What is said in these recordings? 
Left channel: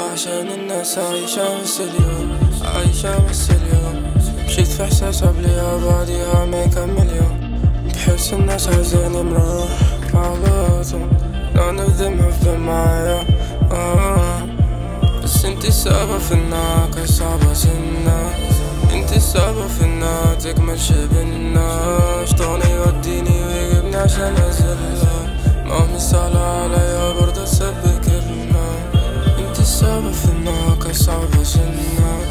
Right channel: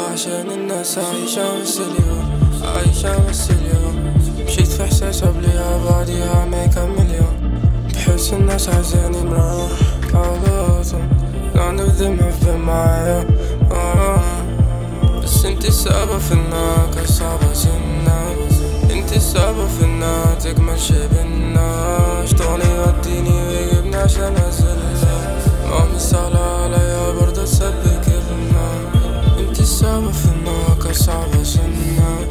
وعشان الناس عايشة بس اليوم، عايشة بس اليوم. مشيت في احساس قبليها بعديها ما يكمل يوم. بحس الناس عايزاني مروح على طول. None of them have been معايا بس انتي السبب في انها كانت صعبة سنة. انتي السبب في انها تكمل شي بينا. شطوني يوديني ويجيبني عشان انزلها. ما هو مش سهلة عليا برضه اسبي كلمة. انتي السبب في انها كانت صعبة سنة.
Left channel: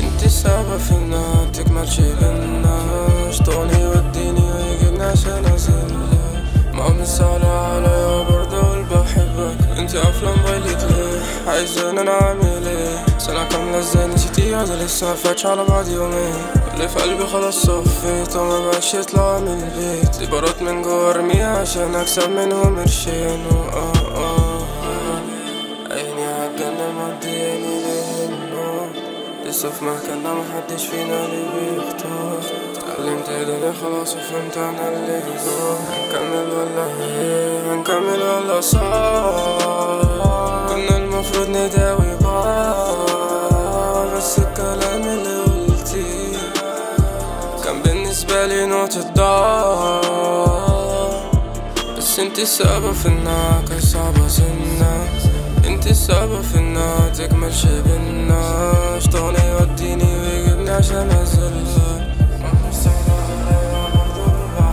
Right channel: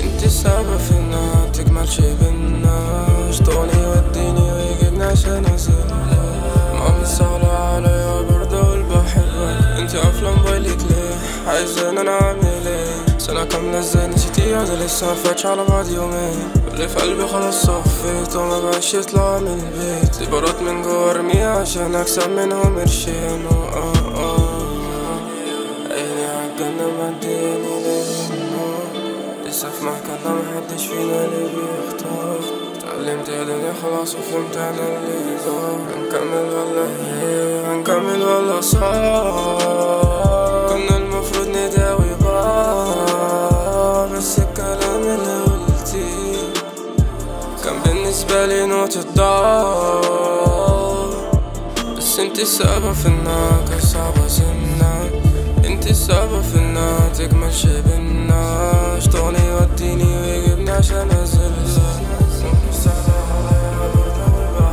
انتي السبب في انها تكمل شي بينا. شطوني يوديني ويجيبني عشان انزلها. ما هو مش سهلة عليا برضه اقول بحبك. انتي قافلة موبايلك ليه؟ عايزين انا اعمل ايه؟ سنة كاملة ازاي نسيتي؟ هذا لسه مفاتش على بعض يومين. واللي في قلبي خلاص صفيت وما بقاش يطلع من البيت. ليبرات من جوا ارميها عشان اكسب منهم قرشين. عيني عالجنة معدياني للنور. لسه في مكاننا محدش فينا اللي بيختار. اتعلمت الدنيا خلاص وفهمت انا اللي جوا. هنكمل ولا ايه؟ هنكمل ولا صار؟ كنا المفروض نداوي بعض بس الكلام اللي قلتيه كان بالنسبة لي نقطة ضعف. بس انتي السبب في انها كانت صعبة سنة. انتي السبب في انها تكمل شي بينا. شطوني يوديني ويجيبني عشان انزلها. مش سهلة عليا برضه بحبها.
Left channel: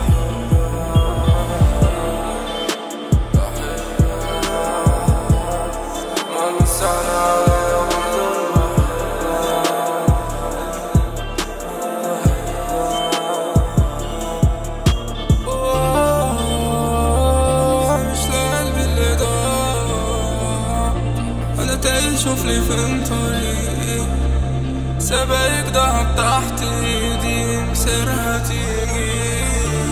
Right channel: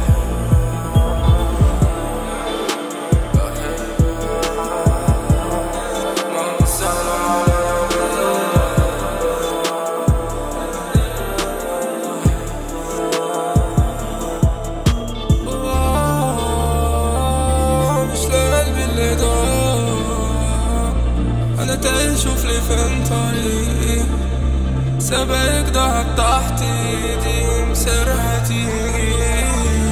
ما مش سهلة عليا برضه مش لقلبي اللي ضاع. انا تايه شوفلي فين طريقي. سبايك ضاعت تحت ايدي مصيرها تيجي.